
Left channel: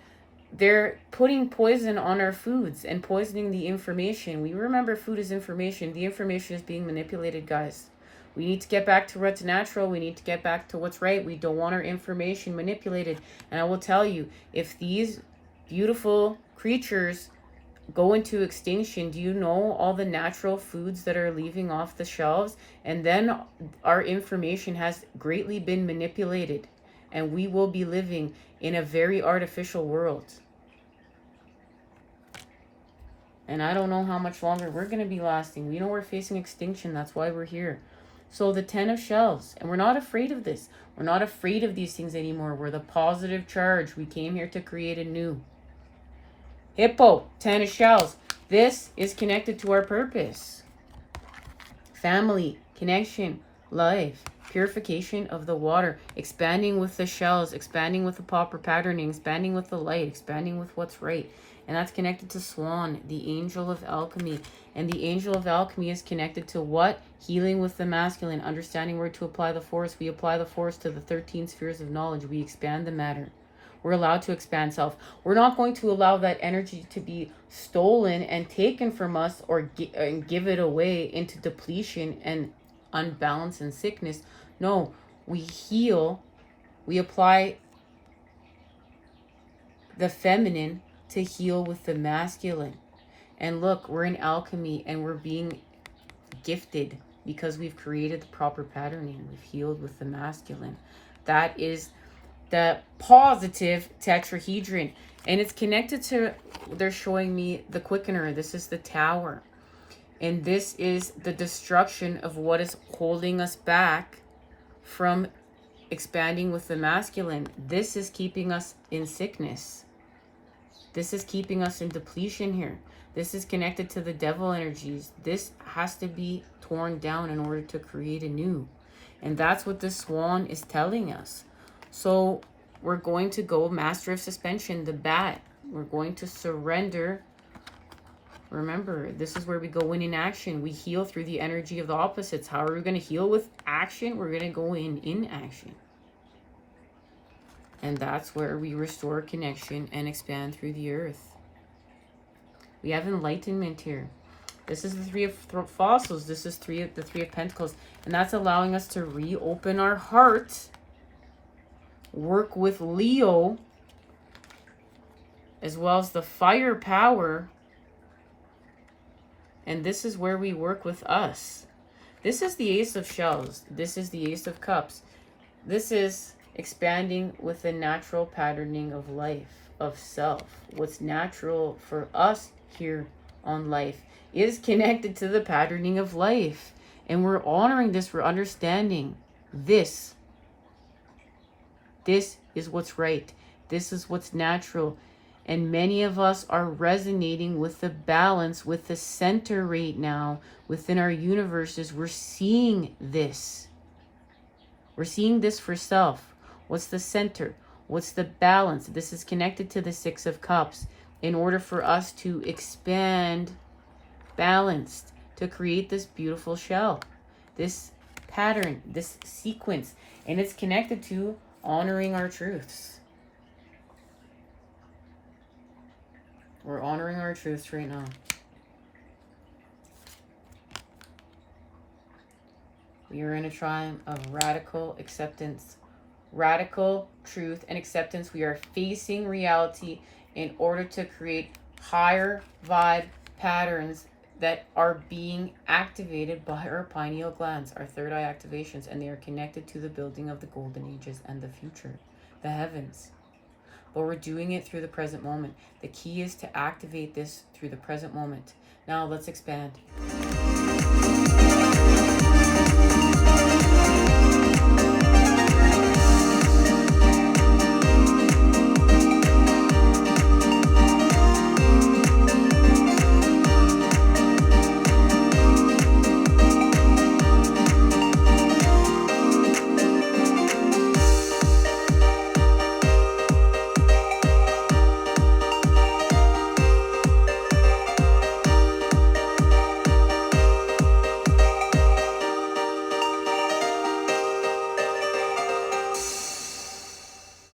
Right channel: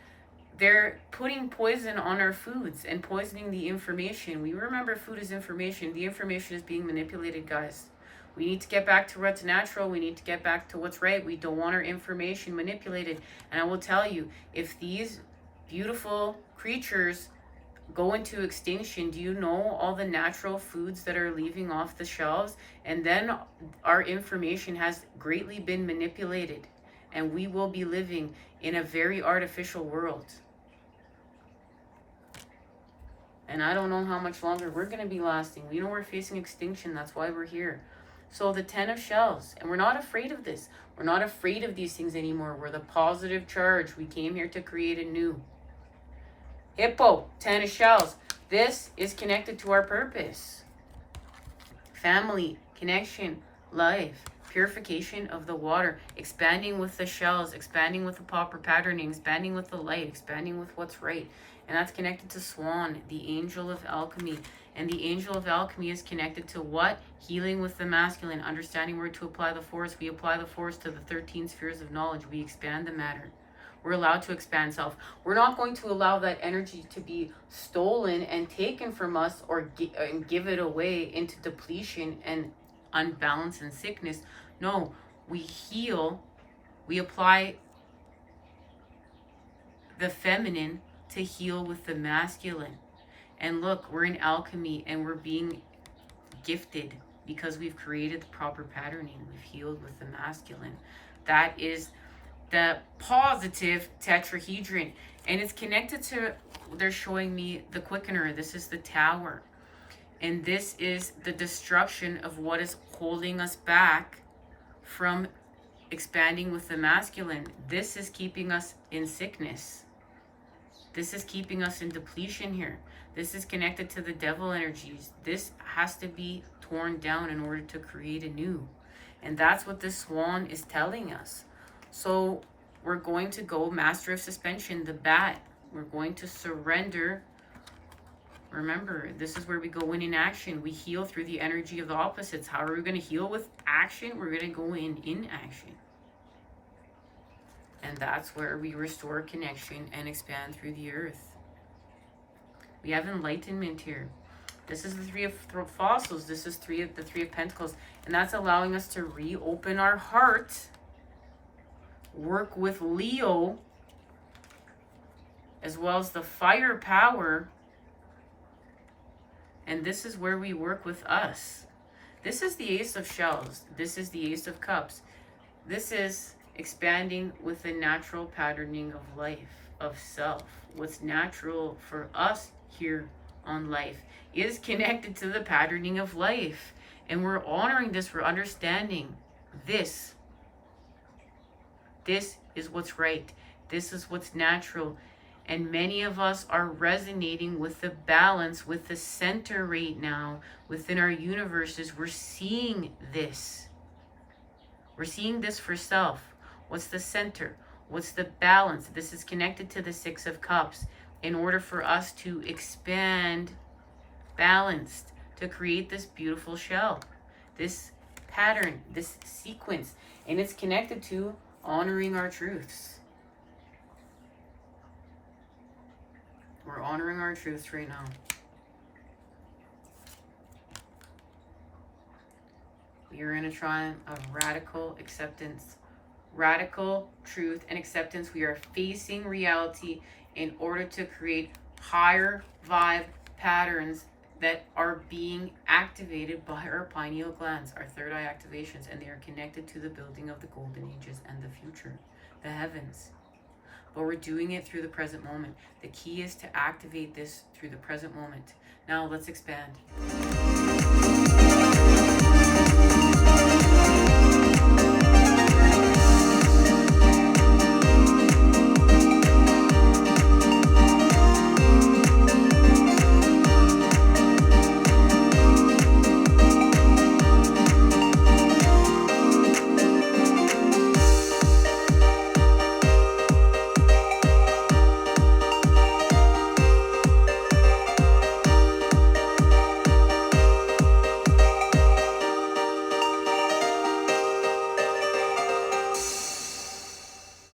they're putting poison on our foods and poisoning the information. We remember food is information. The information is being manipulated, guys. We need to get back to what's natural. We need to get back to what's right. We don't want our information manipulated. And I will tell you, if these beautiful creatures go into extinction, do you know all the natural foods that are leaving off the shelves? And then our information has greatly been manipulated, and we will be living in a very artificial world. And I don't know how much longer we're going to be lasting. We know we're facing extinction. That's why we're here. So the 10 of shells. And we're not afraid of this. We're not afraid of these things anymore. We're the positive charge. We came here to create a new. Hippo, 10 of shells. This is connected to our purpose. Family, connection, life, purification of the water, expanding with the shells, expanding with the proper patterning, expanding with the light, expanding with what's right. And that's connected to Swan, the angel of alchemy. And the angel of alchemy is connected to what? Healing with the masculine, understanding where to apply the force. We apply the force to the 13 spheres of knowledge. We expand the matter. We're allowed to expand self. We're not going to allow that energy to be stolen and taken from us or give it away into depletion and unbalance and sickness. No, we heal. We apply the feminine to heal with the masculine. And look, we're in alchemy and we're being gifted because we've created the proper patterning. We've healed with the masculine. That is the positive tetrahedron. And it's connected to, they're showing me the quickener. This is the tower. And this is the destruction of what is holding us back from expanding with the masculine. This is keeping us in sickness. This is keeping us in depletion here. This is connected to the devil energies. This has to be torn down in order to create a new. And that's what this swan is telling us. So we're going to go master of suspension, the bat. We're going to surrender. Remember, this is where we go in action. We heal through the energy of the opposites. How are we going to heal with action? We're going to go in action. And that's where we restore connection and expand through the earth. We have enlightenment here. This is the three of fossils. This is the three of pentacles. And that's allowing us to reopen our heart. Work with Leo. As well as the fire power. And this is where we work with us. This is the Ace of Shells. This is the Ace of Cups. This is expanding with the natural patterning of life, of self. What's natural for us here on life is connected to the patterning of life. And we're honoring this, we're understanding this. This is what's right. This is what's natural. And many of us are resonating with the balance, with the center right now within our universes. We're seeing this. We're seeing this for self. What's the center? What's the balance? This is connected to the Six of Cups. In order for us to expand balanced, to create this beautiful shell, this pattern, this sequence. And it's connected to honoring our truths. We're honoring our truths right now. We are in a time of radical acceptance. Radical truth and acceptance. We are facing reality in order to create higher vibe patterns that are being activated by our pineal glands, our third eye activations, and they are connected to the building of the golden ages and the future, the heavens. But we're doing it through the present moment. The key is to activate this through the present moment. Now let's expand.